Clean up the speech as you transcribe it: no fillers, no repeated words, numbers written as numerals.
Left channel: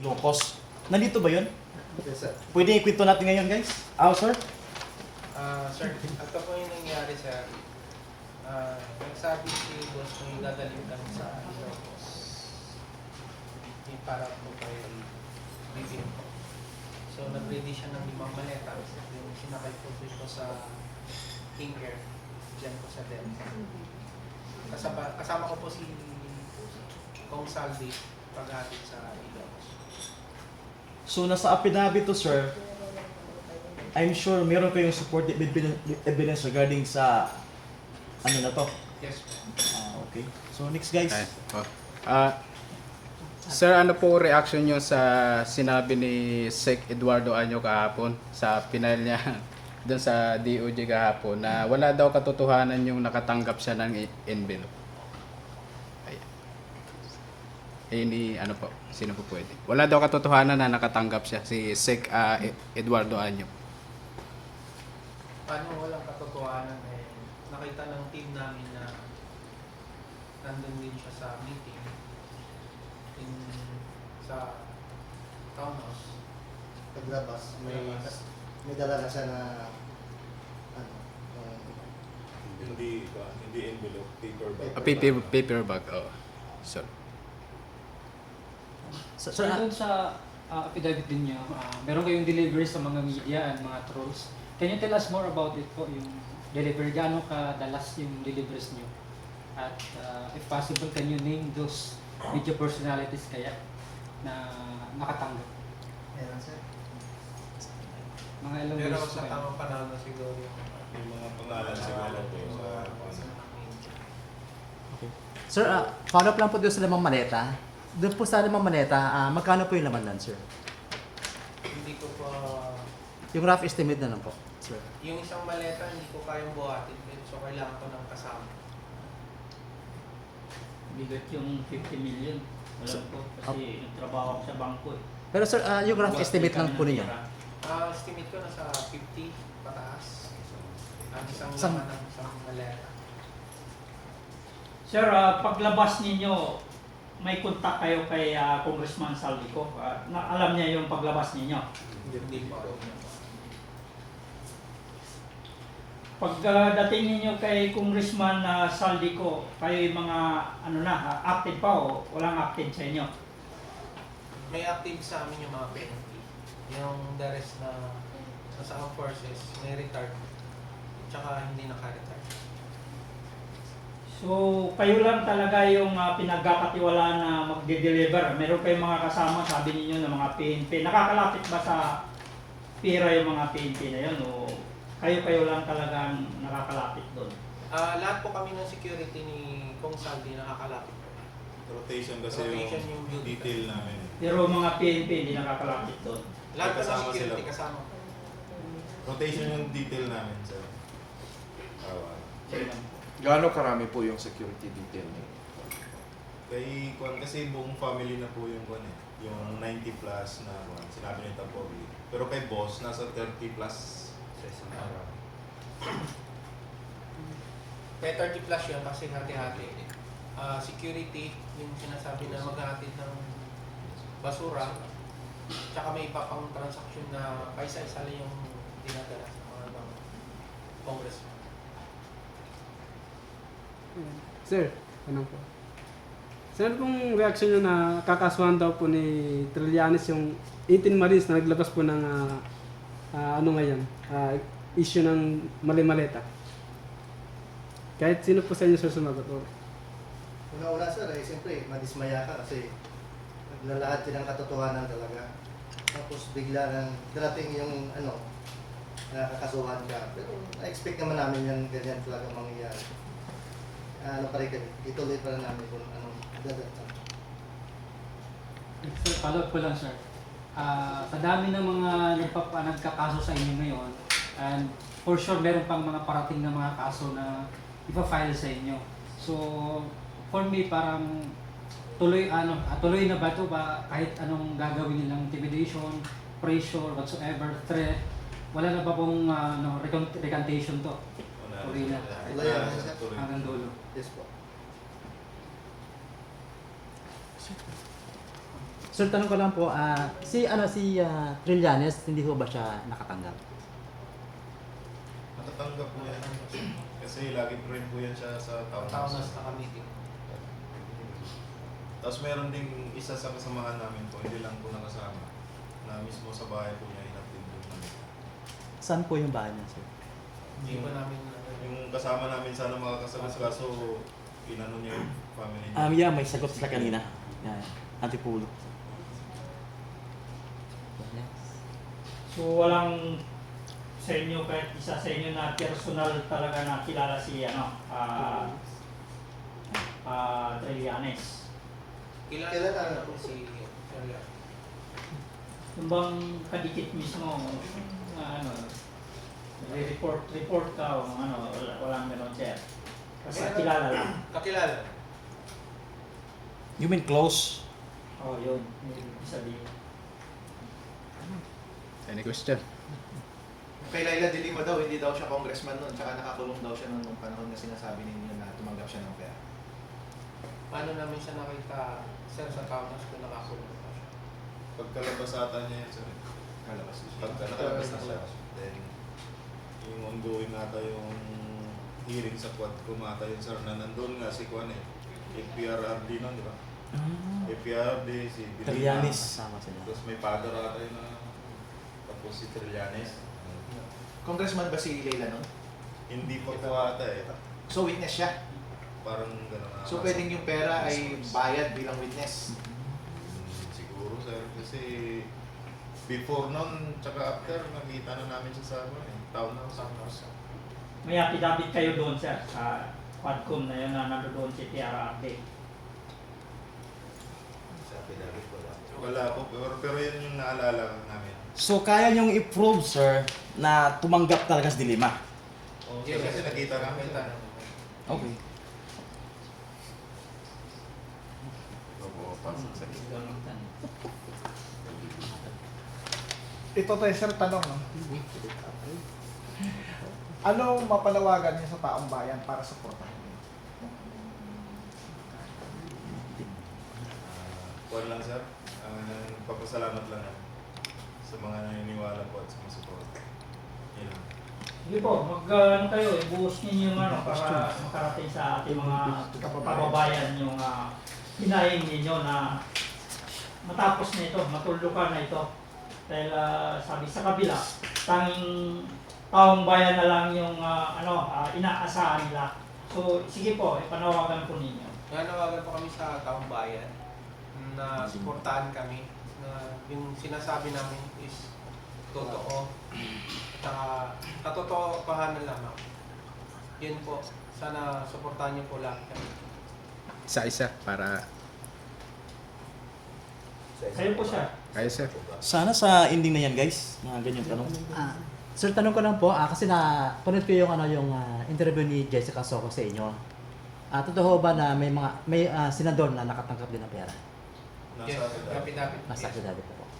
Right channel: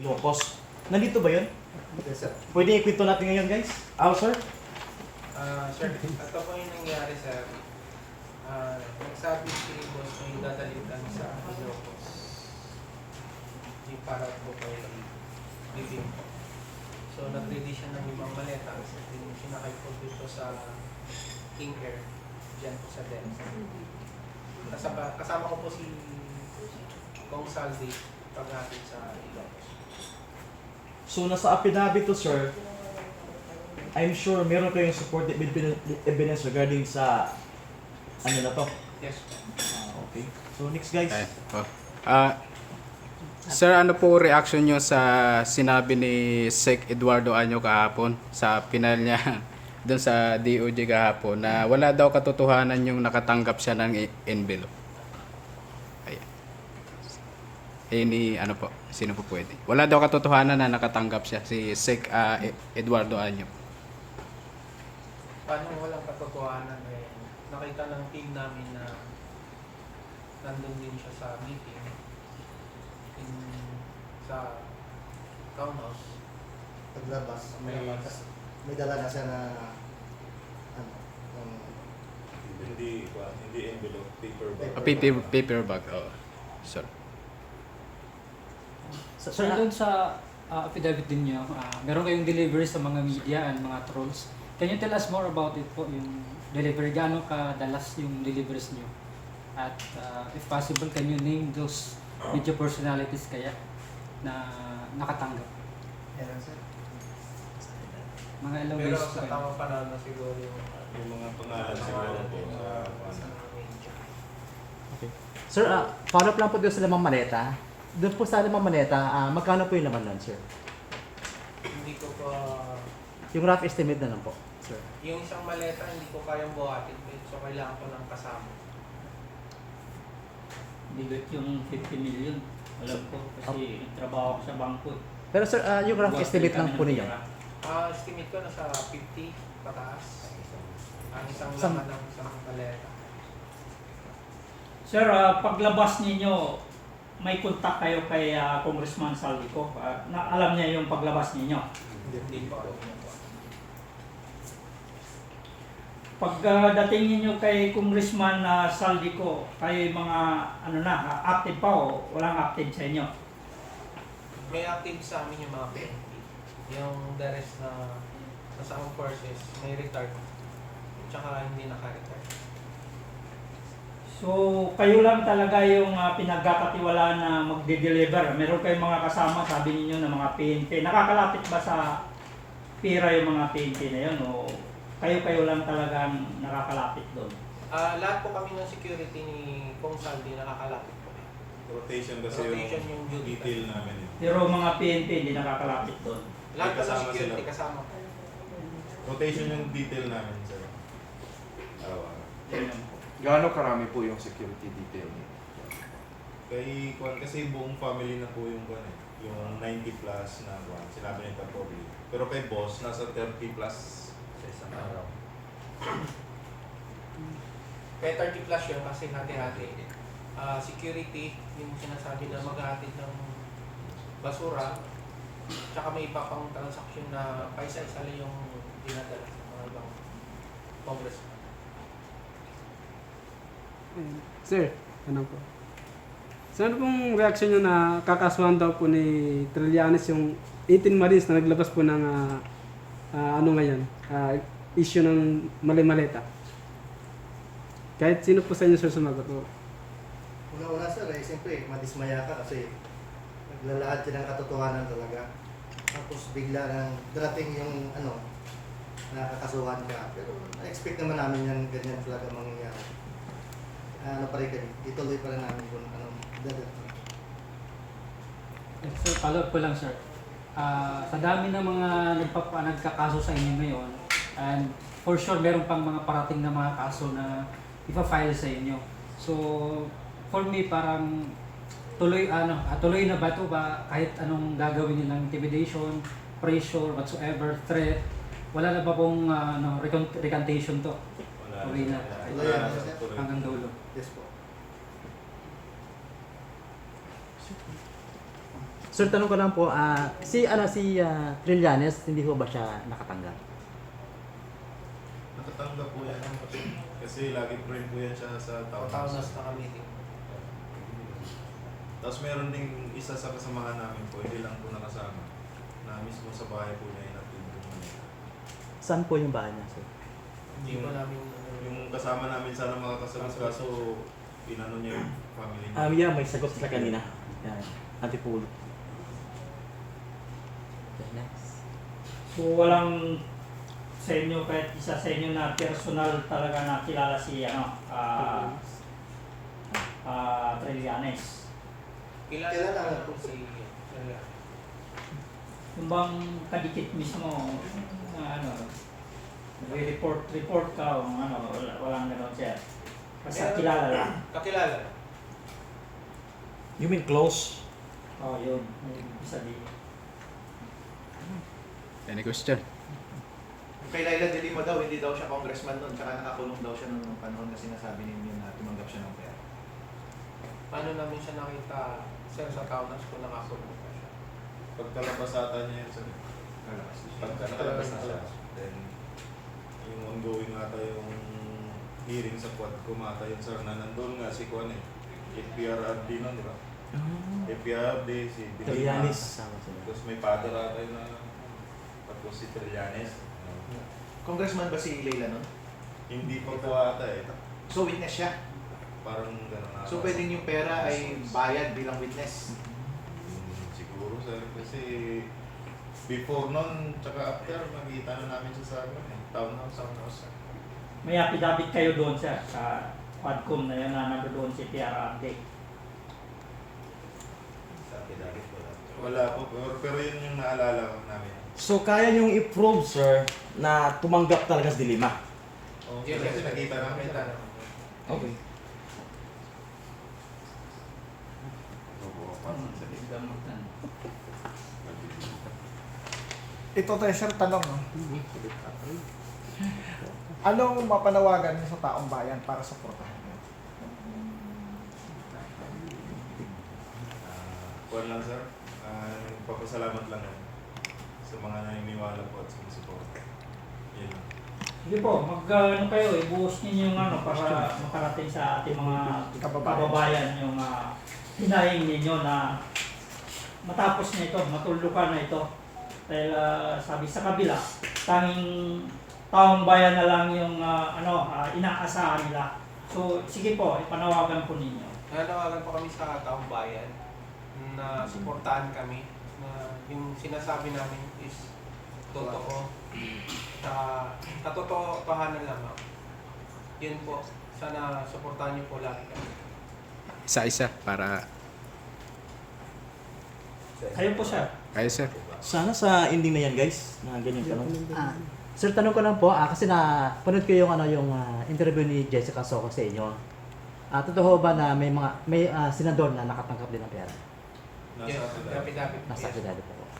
Ilocos. Nandito ba yun? Yes, sir. Pwede ikwento natin ngayon, guys? Sir? Sir, ito po yung nangyari, sir. Nagsabi si boss mo yung dadalhin kami sa Ilocos. Yung para po kay Bibin. So, nag-ready siya ng 5 maleta. Yung sinakay po dito sa King Air. Diyan po sa Denver. Kasama ko po si Kong Saldi paghatid sa Ilocos. So, nasa affidavit to, sir, I'm sure meron kayong supported evidence regarding sa ano na to. Yes. Okay. So, next, guys. Sir, ano po reaction nyo sa sinabi ni Sec Eduardo Anyo kahapon sa final niya doon sa DOJ kahapon na wala daw katotohanan yung nakatanggap siya ng envelope? Ni ano po, sino po pwede? Wala daw katotohanan na nakatanggap siya si Sec Eduardo Anyo. Paano walang katotohanan eh, nakita ng team namin na nandun din siya sa meeting sa townhouse. Paglabas, may dala na siya na Hindi envelope, paper bag. Paper bag, oh. Sorry. So, doon sa affidavit din niyo, meron kayong delivery sa mga media and mga trolls. Can you tell us more about it po, yung delivery? Gaano kadalas yung deliveries niyo? At if possible, can you name those media personalities kaya na nakatanggap? meron, sir. Mga ilang Pero ways sa po yun? tamang panahon na siguro yung Yung mga pangalan siguro po. Okay. Sir, follow up lang po doon sa lamang maleta. Doon po sa lamang maleta, magkano po yung laman doon, sir? Hindi ko pa, Yung rough estimate na lang po, sir. yung isang maleta hindi ko kayang buhatin. So kailangan ko ng kasama. Bigat yung 50 million. Alam ko kasi trabaho ko sa bangko. Pero sir, yung rough estimate lang po ninyo. Estimate ko nasa 50 pataas. Ang isang Isang- laman ng isang maleta. Sir, paglabas ninyo, may contact kayo kay Congressman Saldico. Na alam niya yung paglabas ninyo. Hindi po. Pagdating ninyo kay Congressman Saldico, kayo mga active pa o walang active sa inyo? May active sa amin yung mga PNP. Yung the rest na nasa armed forces, may retard. Tsaka hindi naka-retard. So, kayo lang talaga yung pinagkakatiwalaan na magde-deliver. Meron kayong mga kasama, sabi ninyo, ng mga PNP. Nakakalapit ba sa pira yung mga PNP na yun? O kayo lang talagang nakakalapit doon? Lahat po kami ng security ni Kong Saldi nakakalapit po. Rotation kasi Rotation yung yung duty detail namin. Pero mga PNP hindi nakakalapit doon. Lahat po ng Kasama security sila. kasama po. Rotation yung detail namin sa araw-araw. Gaano karami po yung security detail niyo? Kay Kwan, kasi buong family na po yung Kwan eh. Yung 90 plus na Kwan, sinabi ni Tapogi. Pero kay boss, nasa 30 plus sa isang araw. Kaya 30 plus yun kasi hati-hati. Security, yung sinasabi na maghahatid ng basura, tsaka may iba pang transaction na paisa-isa lang yung dinadala sa mga ibang congressman. Sir, ano po? Saan pong reaction nyo na kakasuhan daw po ni Trillanes yung 18 Marines na naglabas po ng issue ng mali-maleta? Kahit sino po sa inyo sir sumagot po. Una-una, sir, siyempre, madismaya ka kasi naglalakad ka ng katotohanan talaga. Tapos bigla nang darating yung nakakasuhan ka. Pero na-expect naman namin yan, ganyan talaga mangyayari. Pa rin kami, ituloy pa rin namin kung anong gagawin. Sir, follow up ko lang sir. Sa dami ng mga nagkakaso sa inyo ngayon, and for sure meron pang mga parating na mga kaso na ipa-file sa inyo. So, for me, parang tuloy na ba ito ba kahit anong gagawin nilang intimidation, pressure, whatsoever, threat, wala na ba pong recantation to? Tuloy na. Tuloy na, sir. Hanggang dulo. Yes po. Sir, tanong ko lang po, si Trillanes, hindi ho ba siya nakatanggap? Nakatanggap po yan. Kasi lagi po rin po yan siya sa town Tao na house. sa meeting. Tapos meron ding isa sa kasamahan namin po, hindi lang po nakasama, na mismo sa bahay po niya inatid po namin. Saan po yung bahay niya, sir? Hindi pa namin Yung kasama namin sana makakasagot kaso pinano niya yung family niya. Yeah, may sagot sila kanina. Yeah, Antipolo. So walang sa inyo kahit isa sa inyo na personal talaga na kilala si Trillanes. kilala po si Yung bang kadikit mismo report ka o walang gano'n siya. Basta kilala lang. Kakilala. You mean close? Oh, yun. May ibig sabihin. Any question? Kay Laila de Lima daw, hindi daw siya congressman noon, tsaka nakakulong daw siya nung panahon na sinasabi ninyo na tumanggap siya ng pera. Paano namin siya nakita, sir, sa townhouse kung nakakulong pa siya? Pagkalabas ata niya yun, sir. Kalabas siya. Pagka nakalabas na siya, then yung ongoing ata yung hearing sa Quadcom ata yun, sir, na nandun nga si Kwan eh. FPRRD nun, di ba? FPRRD, si Trillanes. Kasama sila. Tapos may father ata yun na, tapos si Trillanes. Congressman ba si Laila noon? Hindi pa po ata eh. So witness siya. Parang gano'n ata. So pwedeng yung pera ay bayad bilang witness. Siguro, sir, kasi before nun, tsaka after, nakita na namin siya sa townhouse. May affidavit kayo doon sir sa Quadcom na yun na nandoon si PRRD. Wala po, pero yun yung naalala namin. So kaya niyong i-prove, sir, na tumanggap talaga si Dilima? Oh, kasi nakita namin siya. Okay. Ito tayo sir, tanong. No? Ano mapanawagan niyo sa taong bayan para suportahan niyo? Kuwan lang, sir. Papasalamat lang ako sa mga naniniwala po at sumusuporta. Yan lang. Sige po, kayo, ibuhos ninyo yung para makarating sa ating mga kababayan yung hinahin ninyo na matapos nito, matulukan na ito. Dahil sabi sa kabila, tanging taong bayan na lang yung inaasahan nila. So sige po, ipanawagan po ninyo. Nanawagan pa kami sa taong bayan na suportahan kami na yung sinasabi namin is totoo. Tsaka katotohanan lamang. Yun po. Sana suportahan niyo po lagi kami. Isa-isa para Kayo po sir. ayos sir. Sana sa ending na yan, guys, na ganyan tanong. Sir, tanong ko lang po, kasi panood ko yung interview ni Jessica Soco sa inyo. Totoo ba na may senador na nakatanggap din ng pera? Nasa Yes, dapat. Nasa affidavit po.